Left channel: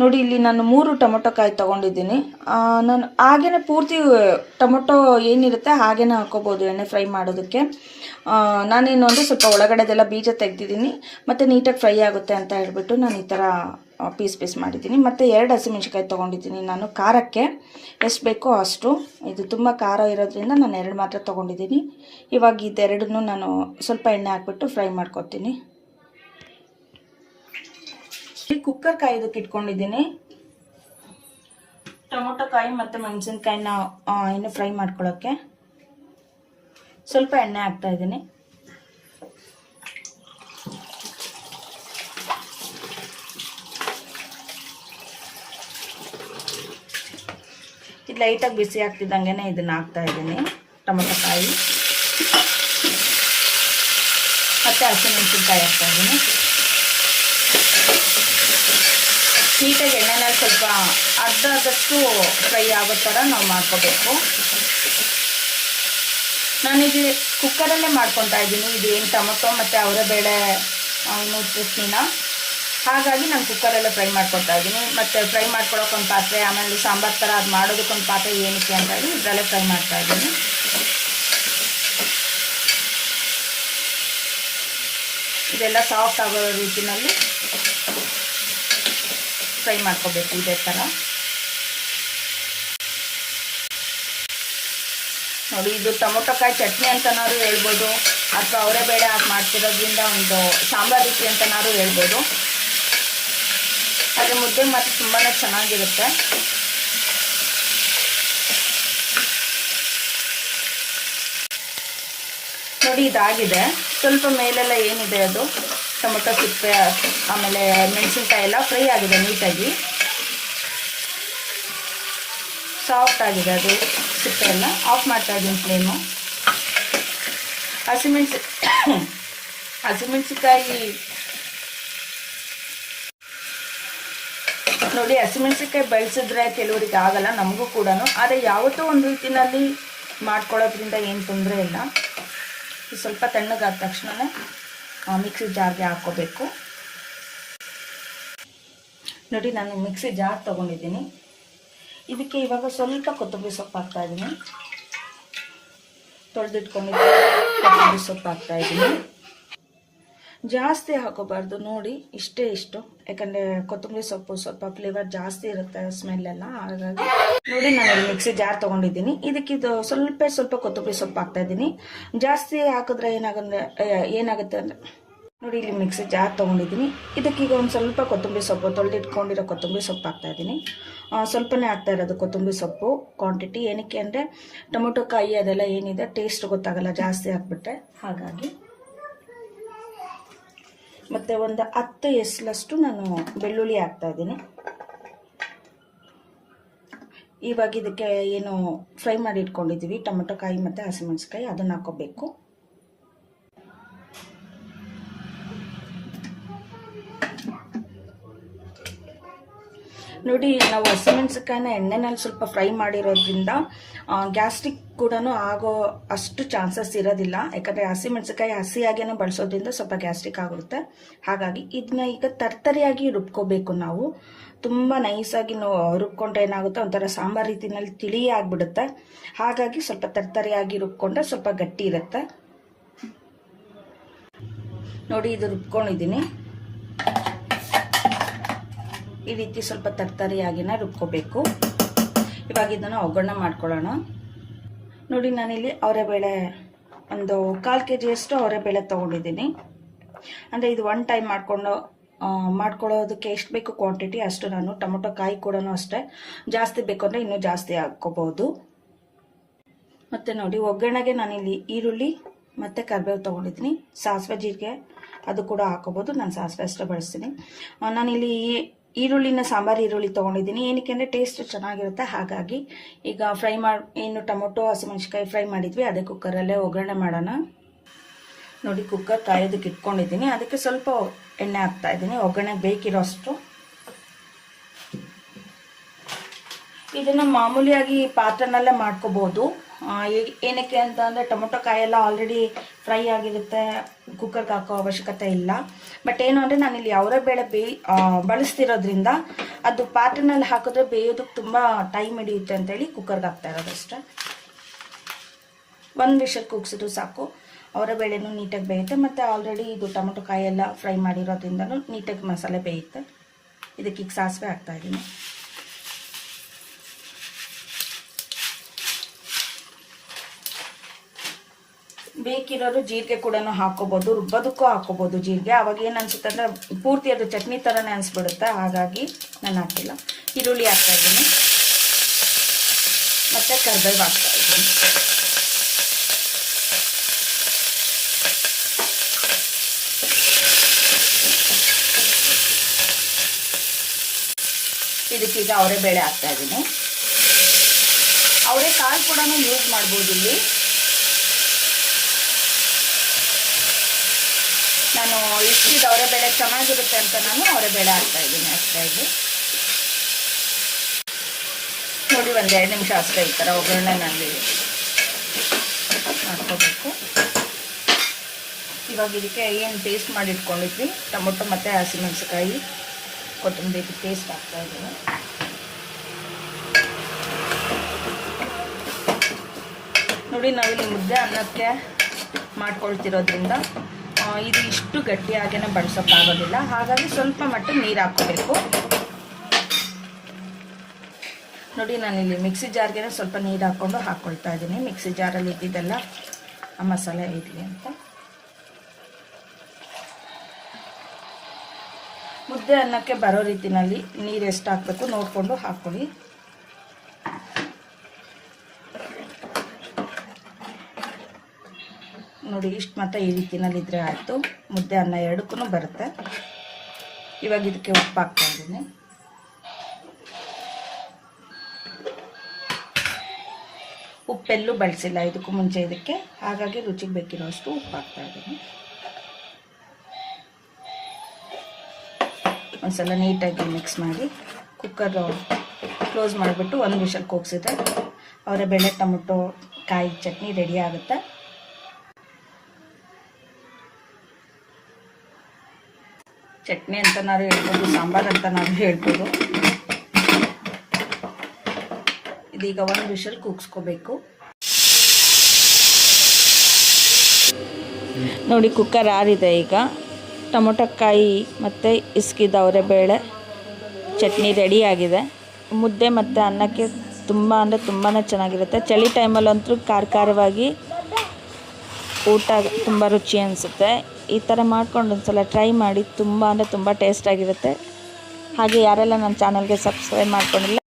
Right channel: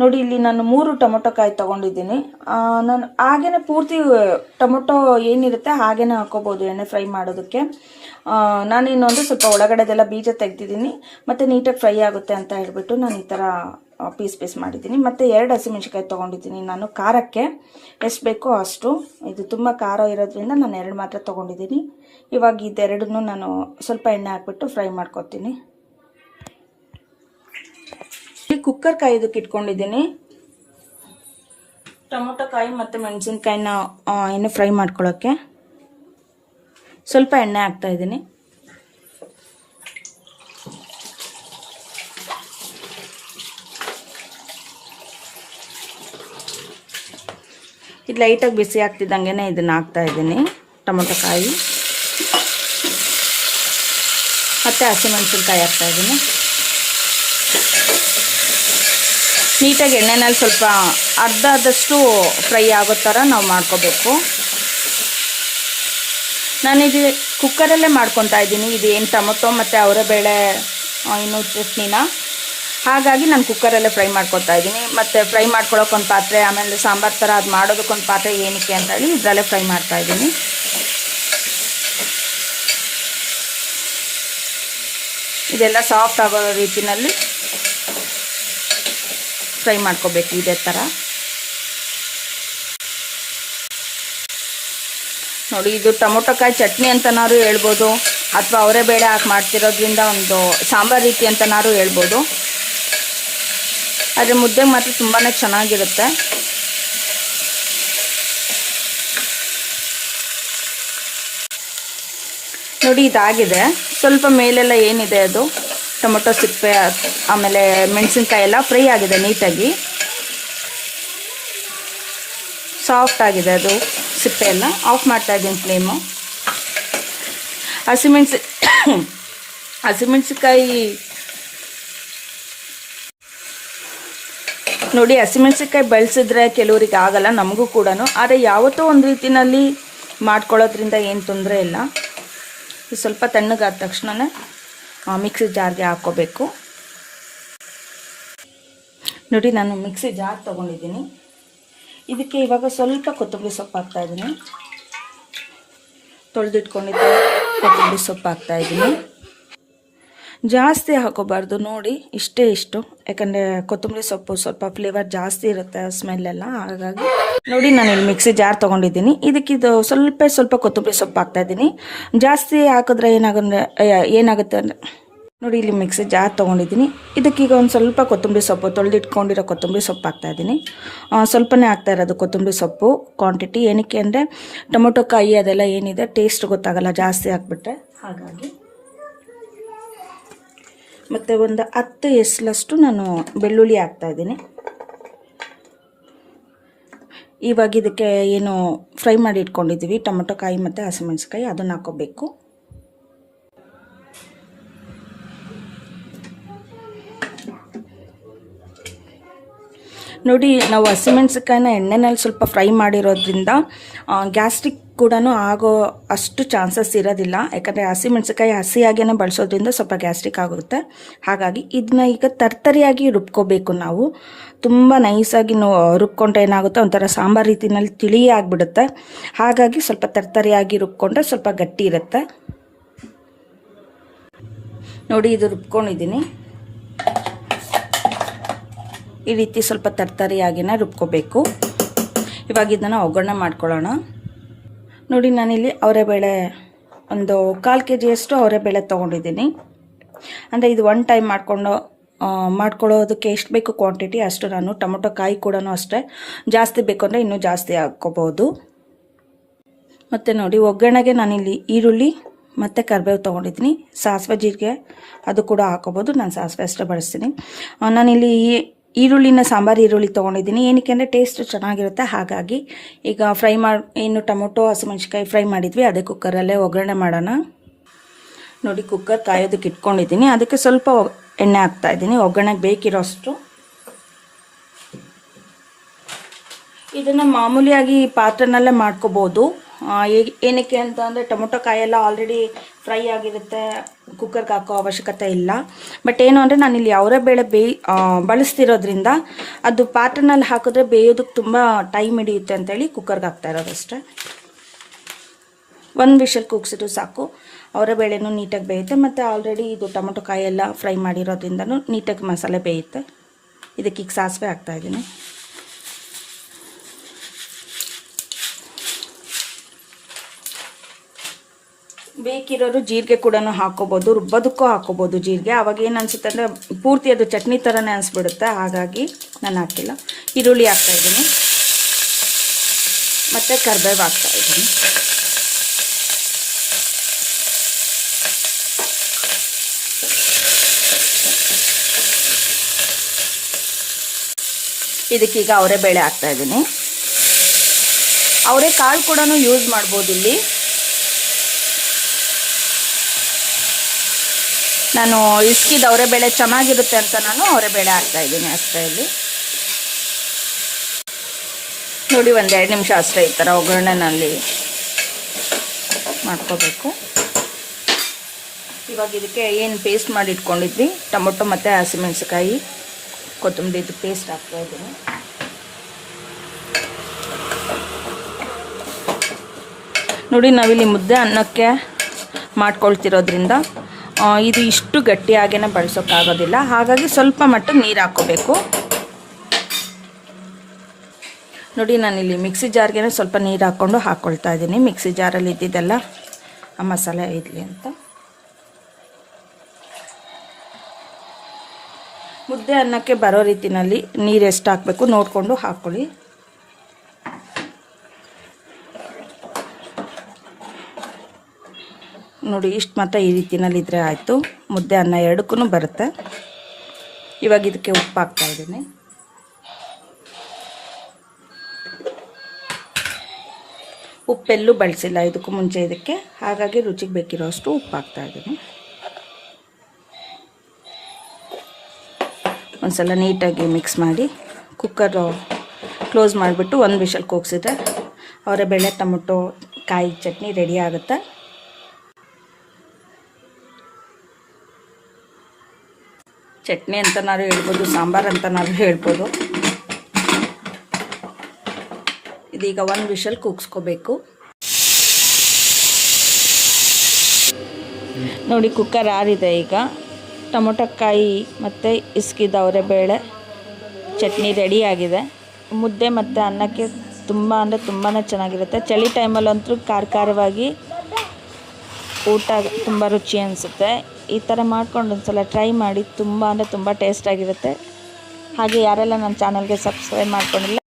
ನೋಡಿ ಇಲ್ಲಿ ನಾನು 3 ಟೊಮೊಟೊ ಕಾಯಿ ತೊಗೊಂಡಿದ್ದೀನಿ. ನಾನು ಹಾಗೇ ಪೂರ್ತಿ ಟೊಮೊಟೊ ಏನಿರುತ್ತೆ ಹಾಗೇ ಹಾಕ್ಕೋಬೋದು ಎಣ್ಣೆ ಫ್ರೈ ಮಾಡೋದಕ್ಕೆ. ನಾನು ಇನ್ನೊಂದು ಸ್ವಲ್ಪ ಒಳಗಡೆದೆಲ್ಲ ಬೀಜ ತೆಗೆದಿದ್ದೀನಿ ಮತ್ತು ನೀಟಾಗಿ ಫ್ರೈ ಆಗುತ್ತೆ ಅಂತ ಹೇಳ್ಬಿಟ್ಟು ನಾನು ಈ ಥರ ಪೀಸ್ ಮಾಡಿದ್ದೀನಿ. ಮತ್ತು 2 ಹಸಿಮೆಣ್ಸಿಕಾಯಿ ತೊಗೊಂಡಿದ್ದೀನಿ ನಾನು ಖಾರಕ್ಕೆ ಎಷ್ಟು ಬೇಕೋ ಅಷ್ಟು. ಇದು ತುಂಬ ಖಾರ ಇರೋದ್ರಿಂದ ನಾನು 2 ಮಾತ್ರ ತೊಗೊಂಡಿದ್ದೀನಿ. ಇವಾಗ ಇದೆರಡನ್ನೂ ನಾನು ಸ್ವಲ್ಪ ಎಣ್ಣೆ ಹಾಕ್ಬಿಟ್ಟು ಫ್ರೈ ಮಾಡ್ಕೊತೀನಿ. ಕುಕ್ಕರ್ ಕಾಯೋದಕ್ಕೆ ಇಟ್ಕೊಂಡಿದ್ದೀನಿ. ಟೊಮೊಟೊ ಕಾಯಿ ಮತ್ತು ಮೆಣಸಿನ್ಕಾಯಿನ ಇನ್ನು ಫ್ರೈ ಮಾಡ್ಕೊಳ್ಳೋಕ್ಕೆ ಸ್ವಲ್ಪ ಎಣ್ಣೆ ಹಾಕ್ತಾ ಇದ್ದೀನಿ. ಇದು ಲೈಟಾಗಿ ಬಿಸಿ ಆಗ್ತಿದ್ದಂಗೆ ಇದನ್ನು ಹಾಕ್ತಾ ಇದ್ದೀನಿ. ಟೊಮೊಟೊ ಕಾಯಿ ಮತ್ತು ಹಸಿಮೆಣಸಿನ್ಕಾಯಿ ಹಾಕ್ತಾ ಇದ್ದೀನಿ. ನೀಟಾಗಿ ಎಣ್ಣೆನಲ್ಲಿ ಸ್ವಲ್ಪ ಅರ್ಧದಷ್ಟು ಫ್ರೈ ಆಗೋ ಥರ ನಾವು ಮಾಡ್ಕೋಬೇಕು. ನಾನಿದು ಕುಕ್ಕರಲ್ಲೇ ಮಾಡ್ಕೊತಾ ಇದ್ದೀನಿ. ಇದು ಏನು ಟೊಮೊಟೊ ಮತ್ತು ಅವರೆಬೇಳೆ ಇನ್ನೂ ಚಟ್ನಿನ, ಹಾಗಾಗಿ ನಾನು ಕುಕ್ಕರಲ್ಲೇ ಫ್ರೈ ಮಾಡ್ಕೊತಾ ಇದ್ದೀನಿ. ಮತ್ತು ಫ್ರೈ ಮಾಡ್ಕೊಳ್ಳೋಕ್ಕೊಂದು ಪಾತ್ರೆ, ಆಮೇಲೆ ಸಾಂಬಾರು ಥರ ಅದು ಮಾಡೋದಕ್ಕೊಂದು ಪಾತ್ರೆ ಏನಕ್ಕೆ ಅಂತ ಹೇಳಿ ಇದರಲ್ಲೇ ಫ್ರೈ ಮಾಡ್ತಾ ಇದ್ದೀನಿ. ಇದೆಲ್ಲ ಸಾಫ್ಟ್ ಆಗೋ ರೀತಿಯಲ್ಲಿ ಫ್ರೈ ಮಾಡ್ಕೋಬೇಕು ಇದೇ ಥರ. ನೋಡಿ, ಇದು ಟೊಮೊಟೊ ಕಾಯಿ ಚಟ್ನಿ ಅಂತನಾರು ಹೇಳ್ಬೋದು, ಅಥವಾ ಅವರೆಬೇಳೆ ಹಾಕಿ ಮಾಡ್ತಿರೋದ್ರಿಂದ ಒಂದು ಸಾಂಬಾರು ರೀತಿ ಅಂತನಾರು ಹೇಳ್ಬೋದು. ಆದರೆ ಮುದ್ದೆಗೆ ಮಾತ್ರ ತುಂಬಾ ಚೆನ್ನಾಗಿರುತ್ತೆ. ನೋಡಿ, ಇದಾಗಿದೆ. ಸ್ವಲ್ಪ ಮೇಲೆಲ್ಲ ಏನಿದೆ ಅದು ಟೊಮೊಟೊ ಸಿಪ್ಪೆ ಆಮೇಲೆ ಮೆಣಸಿನ್ಕಾಯಿ ಎಲ್ಲ ಫ್ರೈ ಆಗಿದೆ ನೀಟಾಗಿ. ಸಾಫ್ಟ್ ಆಗಿದೆ ಅದು ಸಿಪ್ಪೆ ಎಲ್ಲ. ಆಫ್ ಮಾಡ್ತಾ ಇದ್ದೀನಿ ಫ್ಲೇಮು. ಹಸಿಮೆಣಸಿನ್ಕಾಯಿ ನೋಡಿ, ಹಸಿಮೆಣಸಿನ್ಕಾಯಿ ಬಳಸಿದ್ರೆ ಕೆಲವರಿಗೆ ಆಗಲ್ಲ, ನಮಗೂ ಕೂಡ. ಆದರೆ ಯಾವತ್ತೋ ಒಂದು ರೀತಿಯಲ್ಲಿ ಮಾಡ್ಕೊಳ್ಳೋದ್ರಿಂದ ಏನು ತೊಂದರೆ ಇಲ್ಲ. ಸ್ವಲ್ಪ ತಣ್ಣಗಾದ ತಕ್ಷಣವೇ ಮಿಕ್ಸಿ ಜಾರ್ಗೆ ಹಾಕ್ಕೋಬೇಕು. ನೋಡಿ, ನಾನು ಮಿಕ್ಸಿ ಜಾರ್ ತೊಗೊಂಡಿದ್ದೀನಿ. ಇದಕ್ಕೆ ಇವಾಗ ಸ್ವಲ್ಪ ಕೊತ್ತಂಬರಿ ಸೊಪ್ಪು ಹಾಕ್ತಾಯಿದ್ದೀನಿ. ತೊಳೆದಿಟ್ಕೊಂಡಿದ್ದ ಕೊತ್ತಂಬರಿ ಸೊಪ್ಪು ಹಾಕ್ತಾಯಿದ್ದೀನಿ. ಜಾಸ್ತಿ ಹಾಕೋಬಾರ್ದು, ನೋಡಿ ಇಷ್ಟು, ಯಾಕಂದರೆ ಕೊತ್ತಂಬರಿ ಸೊಪ್ಪು ಸ್ವಲ್ಪ ಫ್ಲೇವರ್ ಜಾಸ್ತಿ ಇರುತ್ತೆ, ಸ್ಮೆಲ್ಲೆಲ್ಲ. ಹಾಗಾಗಿ ನೋಡಿ, ನಾನು ಇಲ್ಲಿ ಮಿಕ್ಸಿ ಜಾರ್ ತೊಗೊಂಡಿದ್ದೀನಿ. ಇದಕ್ಕಿದು ಸ್ವಲ್ಪ ಕೊತ್ತಂಬರಿ ಸೊಪ್ಪು ಹಾಕ್ತಾಯಿದ್ದೀನಿ. ಜಾಸ್ತಿ ಹಾಕಿದ್ರೆ ಏನಾಗುತ್ತೆ ಅಂದರೆ ನೋಡಿ, ಇಲ್ಲಿ ಮಿಕ್ಸಿ ಜಾರ್ ತೊಗೊಂಡಿದ್ದೀನಿ. ಇದಕ್ಕೀಗ ಒಂದು ಸ್ವಲ್ಪ ಕೊತ್ತಂಬರಿ ಸೊಪ್ಪು, ತೊಳೆದಿಟ್ಕೊಂಡಿರೋ ಕೊತ್ತಂಬರಿ ಸೊಪ್ಪು ಹಾಕ್ತಾಯಿದ್ದೀನಿ. ಸ್ವಲ್ಪನೇ ಹಾಕ್ತಾ ಇರೋದು ಕೊತ್ತಂಬರಿ ಸೊಪ್ಪು ಕ್ವಾಂಟಿಟಿ. ಏನಕ್ಕೆ ಅಂದರೆ ಟೊಮೊಟೊ ಕಾಯಿ ಅದೆಲ್ಲ ಏನಿದೆ ಟೇಸ್ಟ್ ಗೊತ್ತಾಗಲ್ಲ ಜಾಸ್ತಿ ಹಾಕ್ಬಿಟ್ಟೆ, ಹಾಗಾಗಿ. ಮತ್ತು ಒಂದು 10 ಎಸಲಷ್ಟು ನಾನು ಬೆಳ್ಳುಳ್ಳಿ ಹಾಕ್ತಾಯಿದ್ದೀನಿ. ಇವಾಗ ಇದಕ್ಕೆ ಏನು ಫ್ರೈ ಮಾಡಿ ಇಟ್ಕೊಂಡಿದ್ದೀವಿ ಟೊಮೊಟೊ ಕಾಯಿ ಮತ್ತು ಹಸಿಮೆಣಸಿನ್ಕಾಯಿ, ಅದನ್ನು ಹಾಕ್ಕೋಬೇಕು. ನೋಡಿ, ನಾವು ಹಸಿಮೆಣಸಿನ್ಕಾಯಿನ ಎಣ್ಣೆನಲ್ಲಿ ಸ್ವಲ್ಪ ಫ್ರೈ ಮಾಡಿರೋದ್ರಿಂದ ಗ್ಯಾಸ್ಟ್ರಿಕ್ ಕೂಡ ಆಗೋ ಅಷ್ಟು ಚಾನ್ಸಸ್ ಇರೋದಿಲ್ಲ. ಯಾಕಂದರೆ ಹಸಿಮೆಣಸಿನ್ಕಾಯಿ ಹಸಿಯಾಗೇ ಬಳಸೋದ್ರಿಂದ ಸ್ವಲ್ಪ ಗ್ಯಾಸ್ಟ್ರಿಕ್ ಆಗುತ್ತೆ. ಹಾಗಾಗಿ ಇದನ್ನ ಈಗ ತರ್ತರಿಯಾಗಿ ರುಬ್ಕೋಬೇಕು ನಾವು. ತುಂಬ ನೈಸಾಗಿ ರುಬ್ಕೊಂಡ್ರೆ ಏನಾಗುತ್ತೆ, ಒಂಥರ ಸಾಂಬಾರು ರೀತಿಯಲ್ಲಿ ತಿಳಿ ಆಗಿಬಿಡುತ್ತೆ. ಹಾಗಾಗಿ ಸ್ವಲ್ಪ ತರ್ತರಿಯಾಗಿ ರುಬ್ಕೊಂಡ್ರೆ ಸ್ವಲ್ಪ ಗಟ್ಟಿ ಇರುತ್ತೆ. ನೋಡಿ, ಇದು ರುಬ್ಕೊಂಡಿದ್ದೀನಿ. ಈ ರೀತಿ ಸ್ವಲ್ಪ ತರ್ತರಿಯಾಗಿನ ರುಬ್ಕೋಬೇಕು. ಇವಾಗ ಇದನ್ನು ಒಗ್ಗರಣೆ ಮಾಡ್ಕೊಳ್ಳೋಣ. ನೋಡಿ, ನಾನಿಲ್ಲಿ ಅವರೆಬೇಳೆ ಒಂದು 1/4 kg ಅವರೆಬೇಳೆ ತೊಗೊಂಡಿದ್ದೀನಿ. ಅಂದರೆ ಇದು 1 ಟೈಮ್ ಮಾಡ್ಕೊಳ್ಳೋದಕ್ಕೆ ಎಷ್ಟು ಬೇಕು ಕ್ವಾಂಟಿಟಿ ಅಷ್ಟು ನಾನು. ಟೊಮೊಟೊ ಕಾಯಿ ಕೂಡ ಅಷ್ಟೇ, ಜಾಸ್ತಿ ಬೇಕು ಅಂದರೆ ಇನ್ನೂ ಜಾಸ್ತಿ ಹಾಕ್ಕೋಬೋದು. ಮತ್ತು ನೋಡಿ, ಒಗ್ಗರಣೆಗೆ ನಾನಿಲ್ಲಿ ಈರುಳ್ಳಿ ಮತ್ತು ಕರಿಬೇವು ತೊಗೊಂಡಿದ್ದೀನಿ. ಸಾಸಿವೆ ಜೀರಿಗೆ ಅದು ಕೂಡ ಹಾಕೋಬೋದು, ನಾನು ಸಾಸಿವೆ ಅಷ್ಟೇ ಬಳಸ್ತೀನಿ. ನಾನಿಲ್ಲಿ ಸಾಂಬಾರು ಈರುಳ್ಳಿ ತೊಗೊಂಡಿದ್ದೀನಿ. ಏನಕ್ಕೆ ಅಂದರೆ ಟೇಸ್ಟ್ ಚೆನ್ನಾಗಿರುತ್ತೆ, ಹಾಗಾಗಿ. ಈಗ ಇನ್ನು ಟೊಮೊಟೊ ಹಸಿಮೆಣಸಿನ್ಕಾಯಿ ಫ್ರೈ ಮಾಡಿದ್ವಿ, ಅದೇ ಕುಕ್ಕರಲ್ಲೇ ಒಗ್ಗರಣೆ ಮಾಡೋಣ. ನೋಡಿ, ಕುಕ್ಕರ್ ಕಾಯೋದಕ್ಕೆ ಇಟ್ಕೊಂಡಿದ್ದೀನಿ. ಅದಕ್ಕೆ ಸ್ವಲ್ಪ ಎಣ್ಣೆ ಹಾಕ್ತಾಯಿದ್ದೀನಿ, ಒಗ್ಗರಣೆಗೆ ಬೇಕಿರೋಷ್ಟು. ಇದನ್ನು ಮಾಮೂಲಿಯಾಗಿ ಪಾತ್ರೆನಲ್ಲೇ ಮಾಡ್ಕೋಬೋದು, ಏನಕ್ಕೆ ಅಂತ ಅಂದರೆ ಟೊಮೊಟೊ ಕಾಯೆಲ್ಲ ಆಲ್ರೆಡಿ ಫ್ರೈ ಆಗಿರುತ್ತೆ, ಕುಕ್ಕರ್ಗೆ ಹಾಕೋ ಅವಶ್ಯಕತೆ ಇಲ್ಲ. ಬಟ್ ಏನು ಅಂದರೆ ನಾನಿಲ್ಲಿ ಅವರೇ ಬೇಳೆ ಬಳಸ್ತಿರೋದ್ರಿಂದ ಅದು ಪಾತ್ರೆನಲ್ಲಿ ಹಾಕಿದ್ರೆ ಬೇಯೋದಕ್ಕೆ ತುಂಬ ಟೈಮ್ ಹಿಡಿಯುತ್ತೆ ಅಂತೇಳಿ ಕುಕ್ಕರ್ಗೆ ಹಾಕ್ತಾ ಇರೋದಷ್ಟೇ. ಒಂದು ವಿಷಲ್ ಕೂಗಿಸಿದ್ರು ಸಾಕು, ಅವರ ಬೇಳೆನೂ ನೀಟಾಗಿ ಬೇಯುತ್ತೆ. ಮತ್ತು ಆಲ್ರೆಡಿ ಇದು ಟೊಮೊಟೊ ಕಾಯೆಲ್ಲ ಫ್ರೈ ಮಾಡಿರೋದ್ರಿಂದನೂ ನೀಟಾಗಿ ಮಸಾಲೆ ಬೇಯುತ್ತೆ. ಇದಕ್ಕೆ ಈಗ ಸಾಸಿವೆ ಹಾಕ್ತಾಯಿದ್ದೀನಿ. ಬೇಕಿರೋರು ಜೀರಿಗೆ ಕೂಡ ಹಾಕೋಬೋದು, ರುಬ್ಬೋದಕ್ಕೂ ಹಾಕೋಬೋದು ಜೀರಿಗೆ. ಅವಾಗ ಏನು ಅನಿಸುತ್ತೆ ಅಂದರೆ ಪೂರ್ತಿ ಅದು ಚಟ್ನಿ ಥರನೇ ಅನಿಸ್ಬಿಡುತ್ತೆ, ಹಾಗಾಗಿ ನಾನು ಹಾಕಿಲ್ಲ. ಈರುಳ್ಳಿ ಹಾಕ್ತಾಯಿದ್ದೀನಿ ಮತ್ತು ಕರಿಬೇವು ಹಾಕ್ತಾಯಿದ್ದೀನಿ. ಇದಕ್ಕೀಗ ಅವರೇ ಬೇಳೆ ಹಾಕ್ತಾಯಿದ್ದೀನಿ. ಅವರೇ ಕಾಳು ಕೂಡ ಯೂಸ್ ಮಾಡ್ಬೋದು. ಇಲ್ಲಿ ನಾನು ಇಸ್ಕಿದ ಅವರೇ ಬೇಳೆ ಚೆನ್ನಾಗಿರುತ್ತೆ ಅಂತ ನಾನು ಅವರೇ ಬೇಳೆ ಹಾಕ್ತಾಯಿದ್ದೀನಿ ಅಷ್ಟೇ. ಇಲ್ಲಿ ನೋಡಿ, 1-2 ನಿಮಿಷ ಅಷ್ಟೇ ಈ ಥರ ಒಗ್ಗರಣೆನಲ್ಲಿ ಮಾಡ್ಕೋಬೇಕು. ಇವಾಗ ಇದಕ್ಕೆ ಏನು ಪೇಸ್ಟ್ ಮಾಡಿ ಇಟ್ಕೊಂಡಿದ್ವಿ, ಟೊಮೊಟೊ ಮತ್ತು ಹಸಿಮೆಣಸಿಕಾಯಿ ಕೊತ್ತಂಬರಿ, ಇದು ಪೇಸ್ಟ್ ಹಾಕ್ತಾಯಿದ್ದೀನಿ. ನೋಡಿ, ನಾವಿಲ್ಲಿ ಮುದ್ದೆ ಅನ್ನಕ್ಕೆ ಮಾಡ್ಕೊಳ್ತಿರೋದ್ರಿಂದ ಇದು ಇಷ್ಟು ಗಟ್ಟಿಯಾಗೇ ಬಳಸೋಕ್ಕಾಗೋದಿಲ್ಲ, ಹಾಗಾಗಿ ಸ್ವಲ್ಪ ಮಟ್ಟಿಗೆ ನೀರು ಹಾಕ್ಕೋಬೇಕು. ನೋಡಿ, ನಾನಿಲ್ಲಿ ಮಿಕ್ಸಿ ಜಾರ್ಗೆ ಸ್ವಲ್ಪ ನೀರು ಹಾಕ್ಕೊಂಡು ಹಾಕ್ಕೊಳ್ತಾ ಇದ್ದೀನಿ. ಮಿಕ್ಸಿ ಜಾರಲ್ಲಿ ಇದ್ದಿದ್ದೆಲ್ಲ ಆ ಮಸಾಲೆ ಇರಲಿ ಅಂತ. ಮುದ್ದೆ ಅನ್ನಕ್ಕೆ ಬರೋ ರೀತಿಯಲ್ಲಿ ನೀರು ಎಷ್ಟು ಹಾಕಬೇಕು ನೋಡಿಕೊಂಡು ಹಾಕ್ಕೊಳ್ಳಿ. ನೋಡಿ, ಇಷ್ಟು ಮಾತ್ರ ಈ ರೀತಿಯಲ್ಲಿ ಇದ್ದರೆ ಆಯಿತು. ಮುದ್ದೆ ಅನ್ನ ಎರಡಕ್ಕೂ ಬರುತ್ತೆ. ಇವಾಗ ಇದಕ್ಕೆ ಉಪ್ಪು ಹಾಕ್ತಾಯಿದ್ದೀನಿ. ಉಪ್ಪೆಲ್ಲೂ ಬಳಸಿಲ್ಲ ಇದಕ್ಕೂ ಮುಂಚೆ ಇದಕ್ಕೆ, ಹಾಗಾಗಿ ರುಚಿಗೆ ಬೇಕಿರೋ ಅಷ್ಟು ಉಪ್ಪು ಹಾಕ್ತಾಯಿದ್ದೀನಿ. ಒಂದ್ಸಲ ನೀಟಾಗಿ ಮಿಕ್ಸ್ ಮಾಡಿ ಕುಕ್ಕರು ಕ್ಲೋಸ್ ಮಾಡಿಬಿಟ್ಟು 1 ವಿಷಲ್ ಕೂಗಿಸಿದ್ರೆ ಅವರೇ ಬೇಳೆ ಟೊಮೊಟೊ ಕಾಯಿ ಚಟ್ನಿ ರೆಡಿ ಆಗುತ್ತೆ. ಚಟ್ನಿ ಅಂತ ನಾವು ಹೇಳ್ಬೋದು, ಸಾಂಬಾರು ಅಂತ ನಾವು ಹೇಳ್ಬೋದು. ಇದೀಗ 1 ವಿಷಲ್ ಕೂಗಿಸ್ಕೋಬೇಕು. ನೋಡಿ, ಕುಕ್ಕರ್ ಆರಿದೆ. ಈಗ ಟೊಮೊಟೊ ಕಾಯಿ ಮತ್ತು ಇಸ್ಕಿದ ಅವರೇ ಬೇಳೆ ಚಟ್ನಿ ರೆಡಿಯಾಗಿದೆ. ಮುದ್ದೆ ಮತ್ತು ಅನ್ನಕ್ಕೆ ತುಂಬ ಅಂದರೆ ತುಂಬಾ ಚೆನ್ನಾಗಿರುತ್ತೆ. ಚಳಿ ಟೈಮಲ್ಲಂತೂ ಖಾರವಾಗಿ ಊಟ ತುಂಬ ರುಚಿ ಅನಿಸುತ್ತೆ. ಈ ಥರ ಮಾಡ್ಕೊಂಡು ಒಂದ್ಸಲ ಟ್ರೈ ಮಾಡಿ, ತುಂಬ ಅಂದರೆ ತುಂಬ ಟೇಸ್ಟಾಗಿರುತ್ತೆ. ಹಾಗೆ ಯಾರೆಲ್ಲ ನನ್ನ ಚಾನಲ್ಗೆ ಸಬ್ಸ್ಕ್ರೈಬ್ ಮಾಡ್ಕೊಂಡಿಲ್ಲ